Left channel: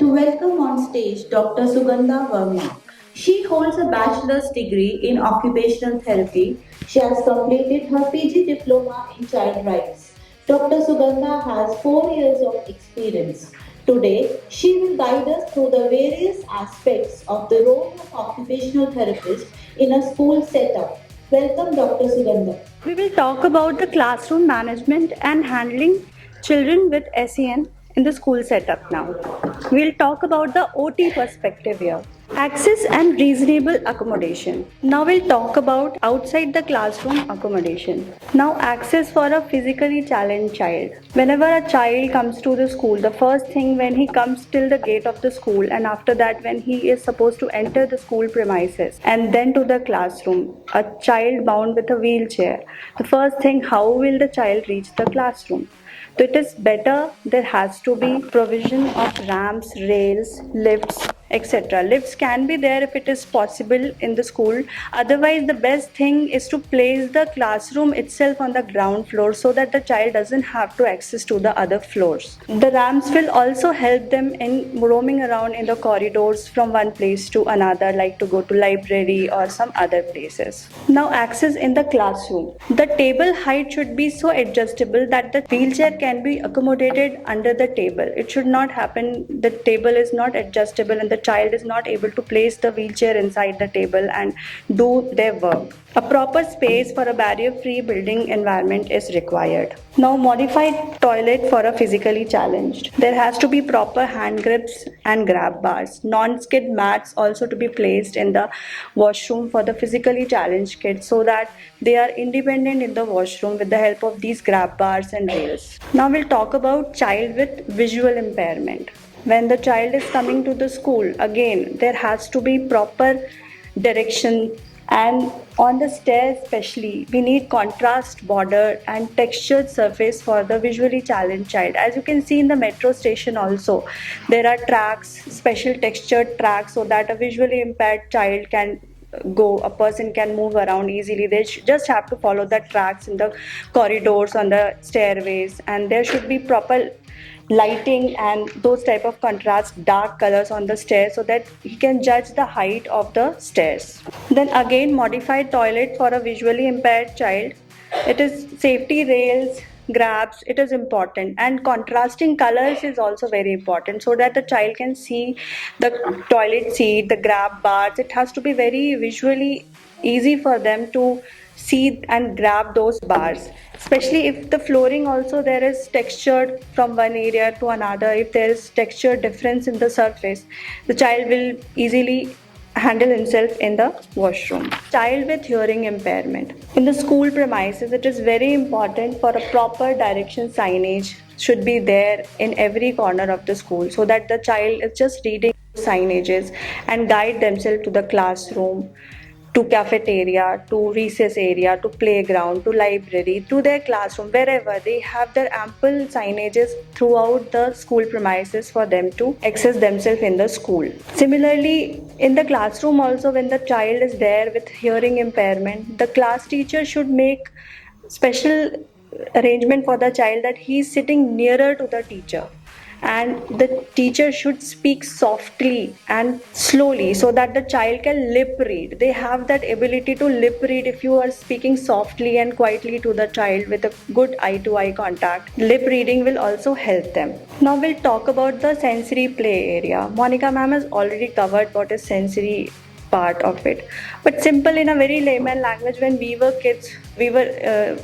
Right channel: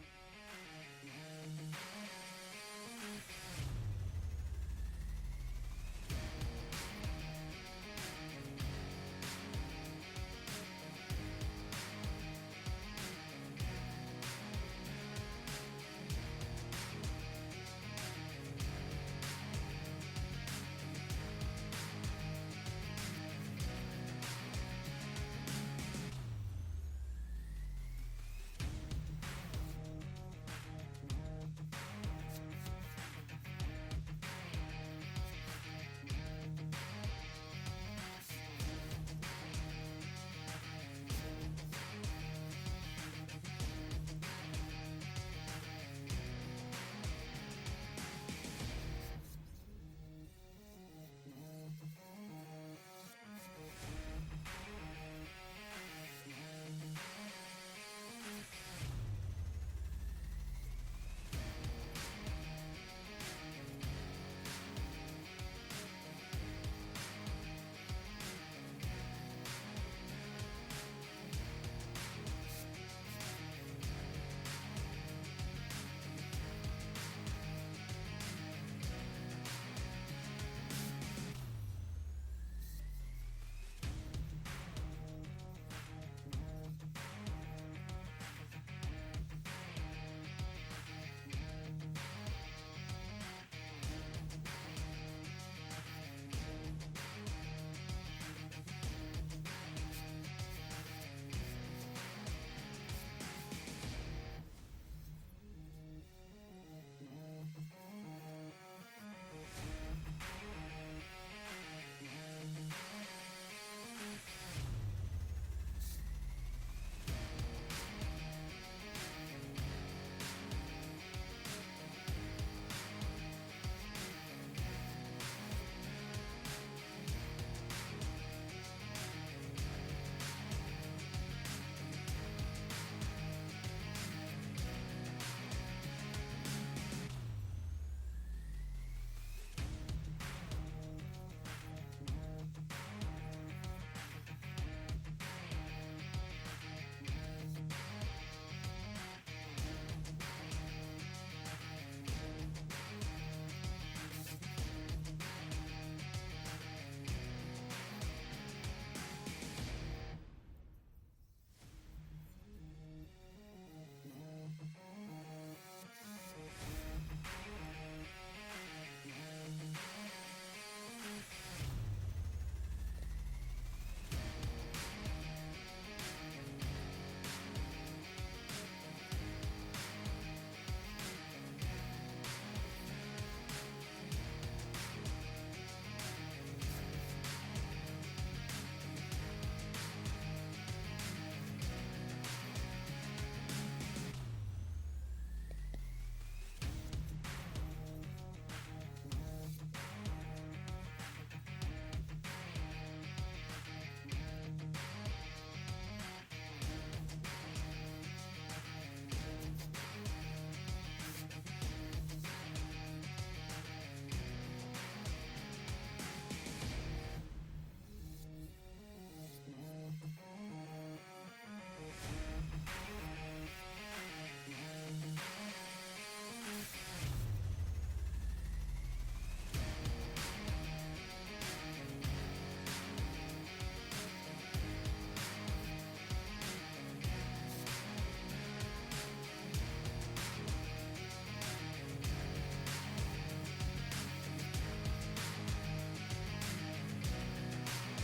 to welcome on stage Dr. Sugandha Verma. She holds a bachelor's degree in occupational therapy. She has completed her PG diploma in child rights. Dr. Sugandha has 4 years of experience. Today, she will guide us through the various aspects of the role of occupational therapist in a school setup. Welcome, Dr. Sugandha. We will talk about the classroom management and handling children with SEN in the school setup now. We'll talk about the OT perspective here. Access and reasonable accommodation. Now we'll talk about outside the classroom accommodation. Now access for a physically challenged child. Whenever a child comes to the school, the first thing when he comes till the gate of the school, and after that when he is supposed to enter the school premises and then to the classroom, a child bound with a wheelchair, the first thing, how will the child reach the classroom? So it is better there has to be provision of ramps, rails, lifts, etc. Lifts can be there if it is possible in the school. Otherwise, the best thing is to place the classroom itself on the ground floor so that the child doesn't have to access to the other floors. The ramps will also help them in roaming around in the corridors from one place to another, like to go to library or some other places. Now, access in the classroom. The table height should be so adjustable that the wheelchair can be accommodated under the table. It should not happen the table is not adjustable and the child is not able to place the wheelchair inside the table and do their work. A proper space for a barrier-free building environment is required. Now, modified toilet for a physically challenged. There has to be proper hand grips and grab bars. Non-skid mats also to be placed in the washroom for the physically challenged kids so that they are independent in the washroom with the help of these grab bars and rails. Now we'll talk about child with visual impairment. When the child is coming to the school, again, there has to be proper direction, and on the stairs especially we need contrast border and textured surface for the visually challenged child. As you can see in the metro station also, there are tracks, special textured tracks, so that a visually impaired child can go, a person can move around easily. They just have to follow the tracks in the corridors, on the stairways, and there should be proper lighting and those type of contrast dark colors on the stairs so that he can judge the height of the stairs. Then again, modified toilet for a visually impaired child. It is safety rails, grabs, it is important, and contrasting colors is also very important so that the child can see the toilet seat, the grab bars. It has to be very visually easy for them to see and grab those bars, especially if the flooring also there is textured from one area to another. If there is texture difference in the surface, the child will easily handle himself in the washroom. Child with hearing impairment. In the school premises, it is very important for a proper direction signage should be there in every corner of the school so that the child is just reading signages and guide themselves to the classroom, to cafeteria, to recess area, to playground, to library, to their classroom, wherever they have their ample signages throughout the school premises for them to access themselves in the school. Similarly, in the classroom also, when the child is there with hearing impairment, the class teacher should make special arrangement for the child that he is sitting nearer to the teacher, and the teacher should speak softly and slowly so that the child can lip read. They have that ability to lip read. If you are speaking softly and quietly to the child with a good eye to eye contact, lip reading will also help them. Now we'll talk about the sensory play area. Monica ma'am has already covered what is sensory part of it, but simple in a very layman language, when we were kids, we were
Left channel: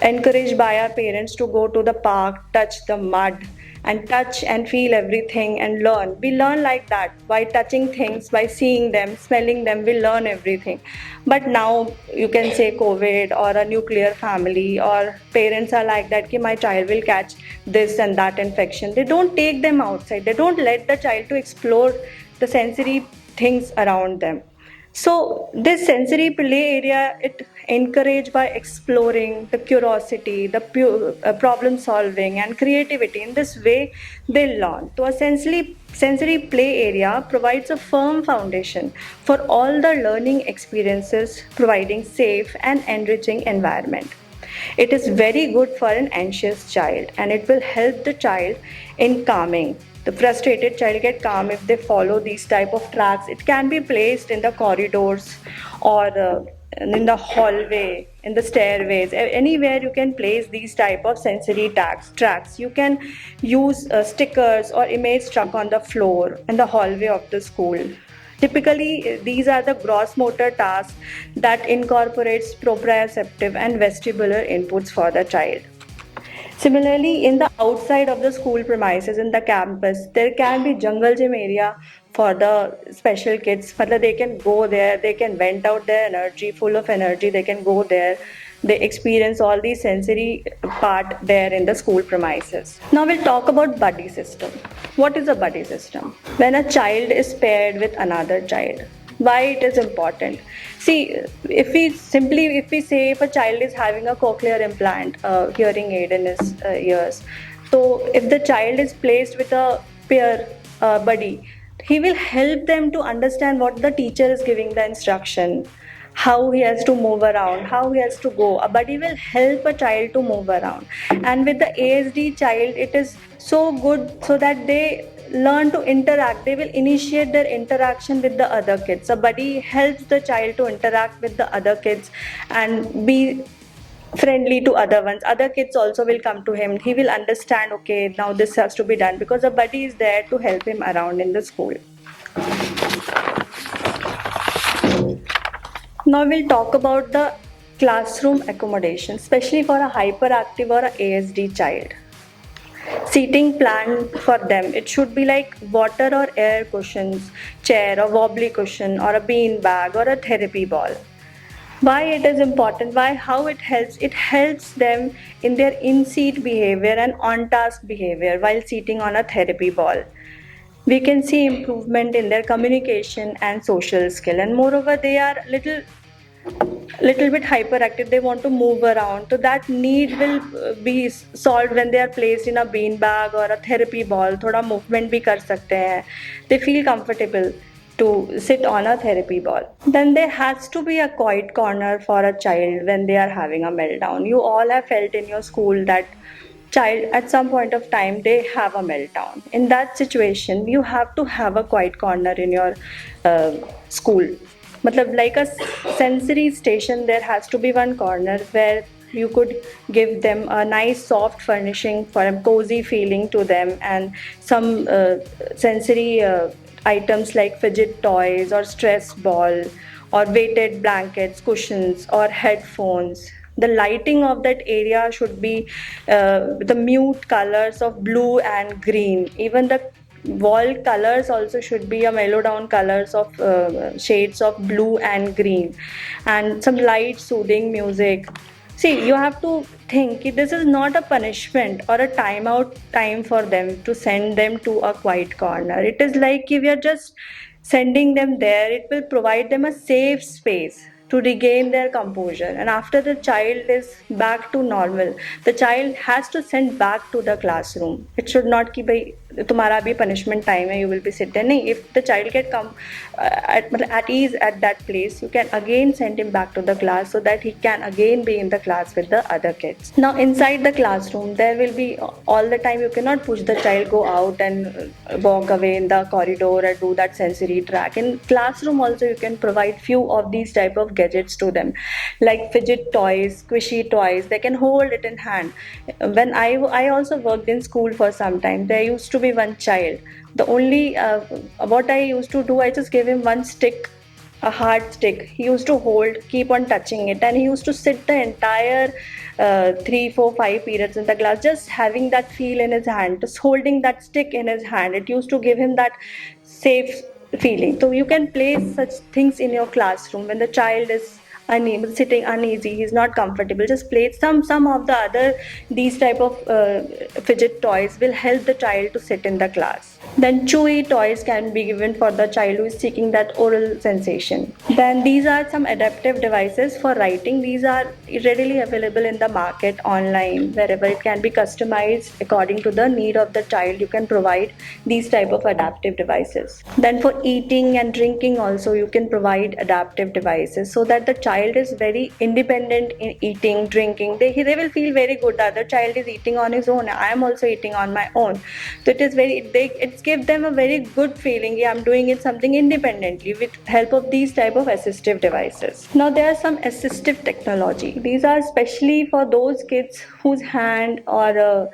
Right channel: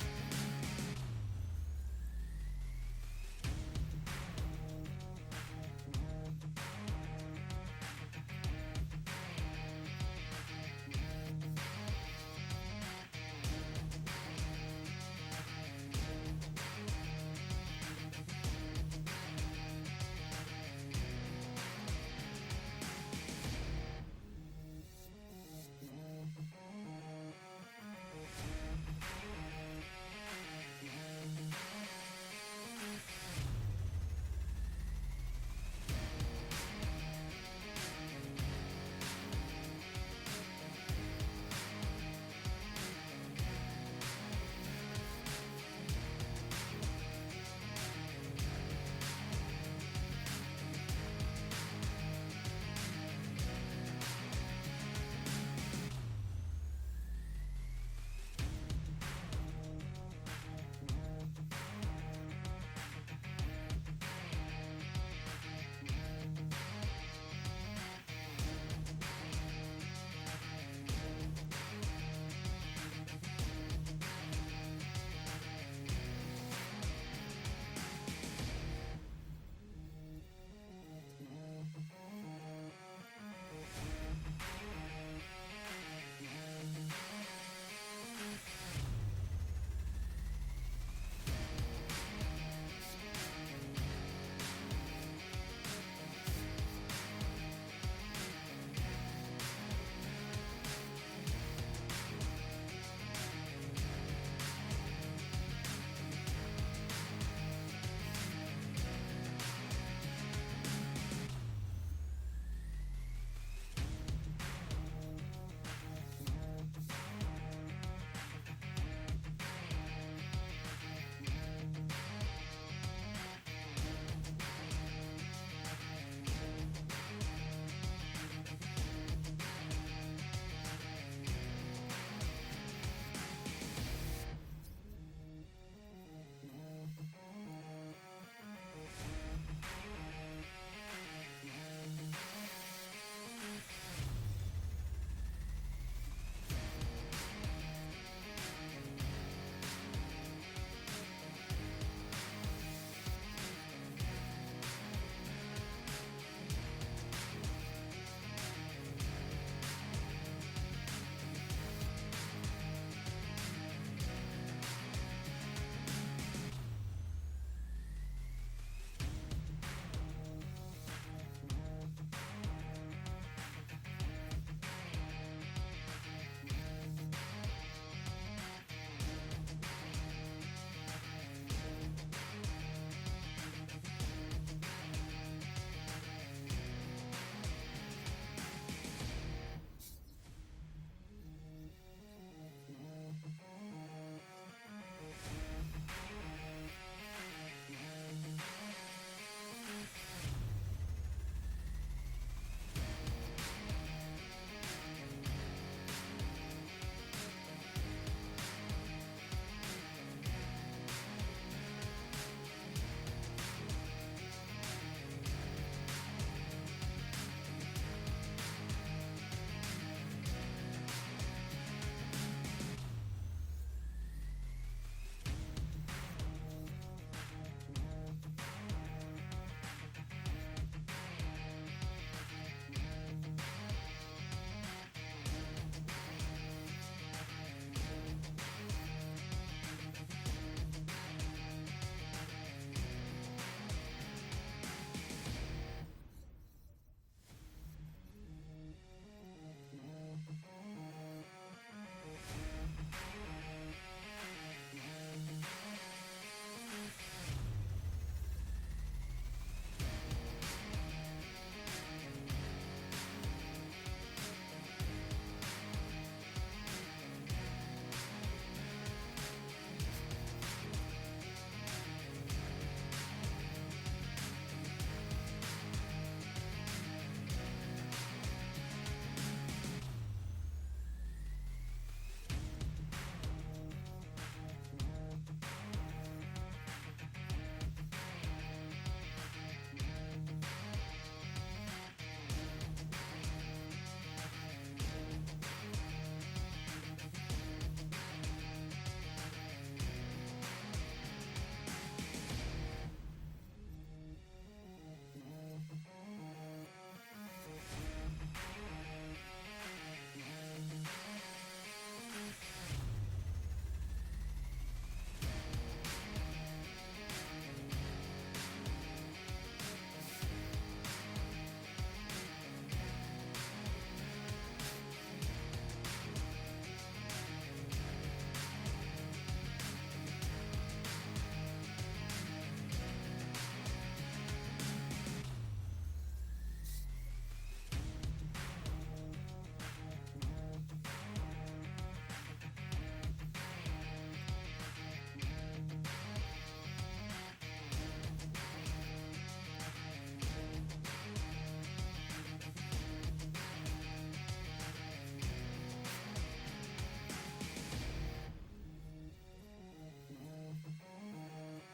encouraged by our parents to go to the park, touch the mud, and touch and feel everything and learn. We learn like that by touching things, by seeing them, smelling them, we learn everything. But now you can say COVID or a nuclear family, or parents are like that, my child will catch this and that infection. They don't take them outside. They don't let the child to explore the sensory things around them. So this sensory play area, it encouraged by exploring the curiosity, the problem solving and creativity. In this way, they learn. So a sensory play area provides a firm foundation for all the learning experiences, providing safe and enriching environment. It is very good for an anxious child, and it will help the child in calming. the frustrated child get calm if they follow these type of tracks. It can be placed in the corridors or in the hallway, in the stairways, anywhere you can place these type of sensory tracks. You can use stickers or image stuck on the floor in the hallway of the school. Typically, these are the gross motor tasks that incorporates proprioceptive and vestibular inputs for the child. Similarly, in the outside of the school premises, in the campus, there can be jungle gym area for the special kids. Matlab they can go there, they can vent out their energy, full of energy, they can go there. They experience all the sensory part there in the school premises. Now we'll talk about buddy system. What is a buddy system? When a child is paired with another child. Why it is important? See, if we say if a child is having a cochlear implant, hearing aid in his ears, so if the child is placed with a peer buddy, he will help them to understand what the teacher is giving the instruction, how he has to move around, how he has to go. A buddy will help a child to move around. And with the ASD child, it is so good so that they learn to interact. They will initiate their interaction with the other kids. A buddy helps the child to interact with the other kids and be friendly to other ones. Other kids also will come to him. He will understand, okay, now this has to be done, because a buddy is there to help him around in the school. Now we'll talk about the classroom accommodation, especially for a hyperactive or a ASD child. Seating plan for them, it should be like water or air cushions, chair or wobbly cushion, or a bean bag or a therapy ball. Why it is important? Why? How it helps? It helps them in their in-seat behavior and on-task behavior while sitting on a therapy ball. We can see improvement in their communication and social skill, and moreover they are little bit hyperactive. They want to move around, so that need will be solved when they are placed in a bean bag or a therapy ball. Thoda movement bhi kar sakte hain. They feel comfortable to sit on a therapy ball. Then there has to be a quiet corner for a child when they are having a meltdown. You all have felt in your school that child at some point of time they have a meltdown. In that situation, you have to have a quiet corner in your school. Matlab, like a sensory station, there has to be one corner where you could give them a nice soft furnishing for a cozy feeling to them, and some sensory items like fidget toys or stress ball or weighted blankets, cushions or headphones. The lighting of that area should be the mute colors of blue and green. Even the wall colors also should be a mellow down colors of shades of blue and green, and some light soothing music. See, you have to think this is not a punishment or a timeout time for them to send them to a quiet corner. It is like if you're just sending them there, it will provide them a safe space to regain their composure. And after the child is back to normal, the child has to send back to the classroom. It should not ki bhai tumhara bhi punishment time hai, you will be sit there. No, if the child get come at ease at that place, you can again send him back to the class so that he can again be in the class with the other kids. Now inside the classroom, there will be all the time, you cannot push the child go out and walk away in the corridor or do that sensory track. In classroom also, you can provide few of these type of gadgets to them, like fidget toys, squishy toys. They can hold it in hand. When I also worked in school for some time, there used to be one child. The only what I used to do, I just gave him one stick, a hard stick. He used to hold, keep on touching it, and he used to sit the entire 3, 4, 5 periods in the class, just having that feel in his hand, just holding that stick in his hand. It used to give him that safe feeling. So you can place such things in your classroom when the child is sitting uneasy, he's not comfortable. Just place some of the other these type of fidget toys will help the child to sit in the class. Then chewy toys can be given for the child who is seeking that oral sensation. Then these are some adaptive devices for writing. These are readily available in the market, online, wherever. It can be customized according to the need of the child. You can provide these type of adaptive devices. Then for eating and drinking also, you can provide adaptive devices so that the child is very independent in eating, drinking. They will feel very good. The other child is eating on his own. I am also eating on my own. So it's give them a very good feeling. Yeah, I'm doing it something independently with help of these type of assistive devices. Now there are some assistive technology. These are especially for those kids whose hand or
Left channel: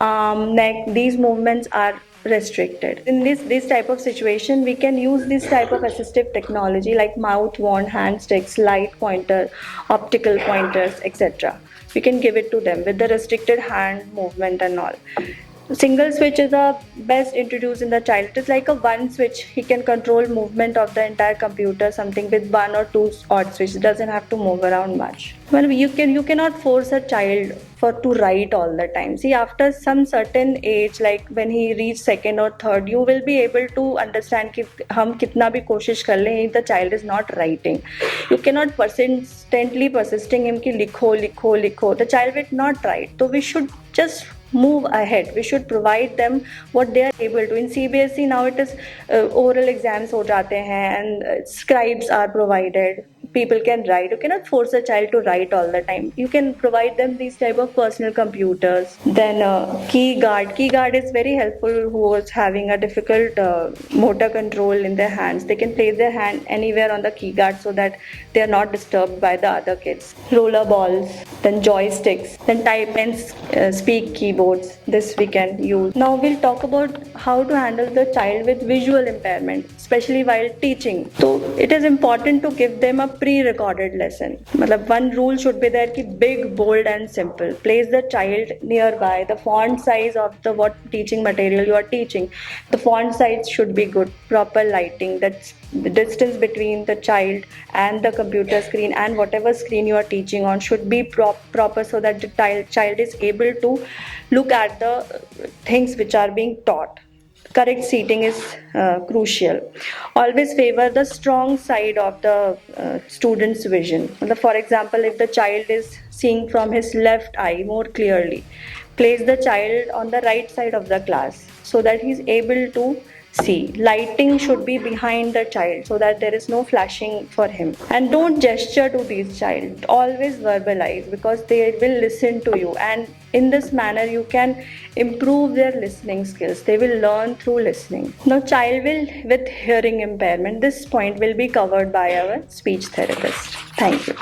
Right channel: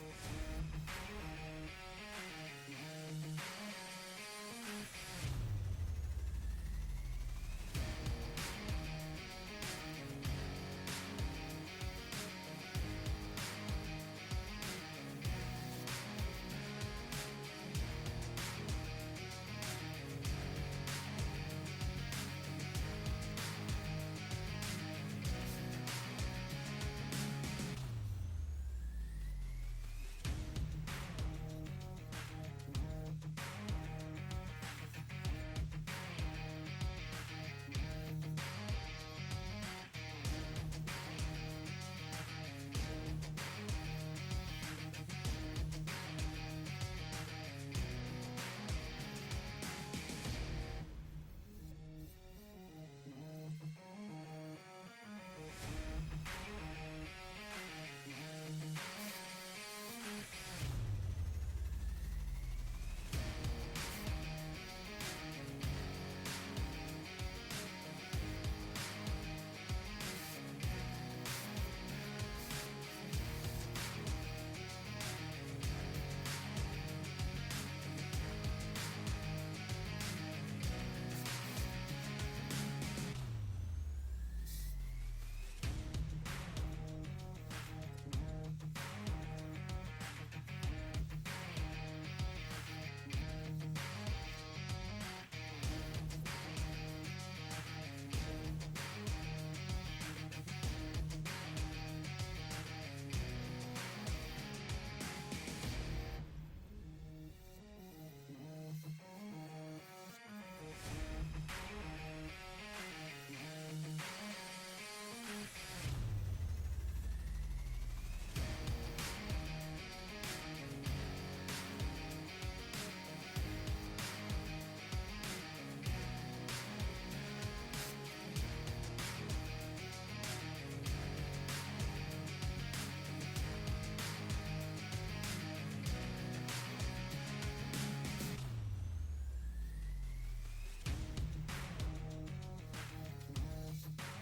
arm, neck, these movements are restricted. In this type of situation, we can use this type of assistive technology like mouth wand, hand sticks, light pointer, optical pointers, etc. We can give it to them with the restricted hand movement and all. Single switch is the best introduced in the child. It is like a one switch. He can control movement of the entire computer, something with one or two odd switches. It doesn't have to move around much. Well, you cannot force a child for to write all the time. See, after some certain age, like when he reach second or third, you will be able to understand कि हम कितना भी कोशिश कर लें, if the child is not writing, you cannot persisting him कि लिखो लिखो लिखो. The child will not write. So we should just move ahead. We should provide them what they are able to. In CBSE now it is oral exams हो जाते हैं and scribes are provided. People can write. You cannot force a child to write all the time. You can provide them these type of personal computers. Then key guard is very helpful who is having a difficult motor control in their hands. They can place their hand anywhere on the key guard so that they are not disturbed by the other kids. Roller balls, then joysticks, then type and speak keyboards. This we can use. Now we'll talk about how to handle the child with visual impairment, especially while teaching. So it is important to give them a pre-recorded lesson. मतलब one rule should be there कि big, bold and simple. Place the child nearby. The font size of the what teaching material you are teaching. The font size should be good. Proper lighting. That's the distance between the child and the computer screen and whatever screen you are teaching on should be proper so that the child is able to look at the things which are being taught. Correct seating is crucial. Always favor the strong side of the student's vision. For example, if the child is seeing from his left eye more clearly, place the child on the right side of the class so that he is able to see. Lighting should be behind the child so that there is no flashing for him. And don't gesture to these child. Always verbalize because they will listen to you. And in this manner, you can improve their listening skills. They will learn through listening. Now, child with hearing impairment. This point will be covered by our speech therapist. Thank you.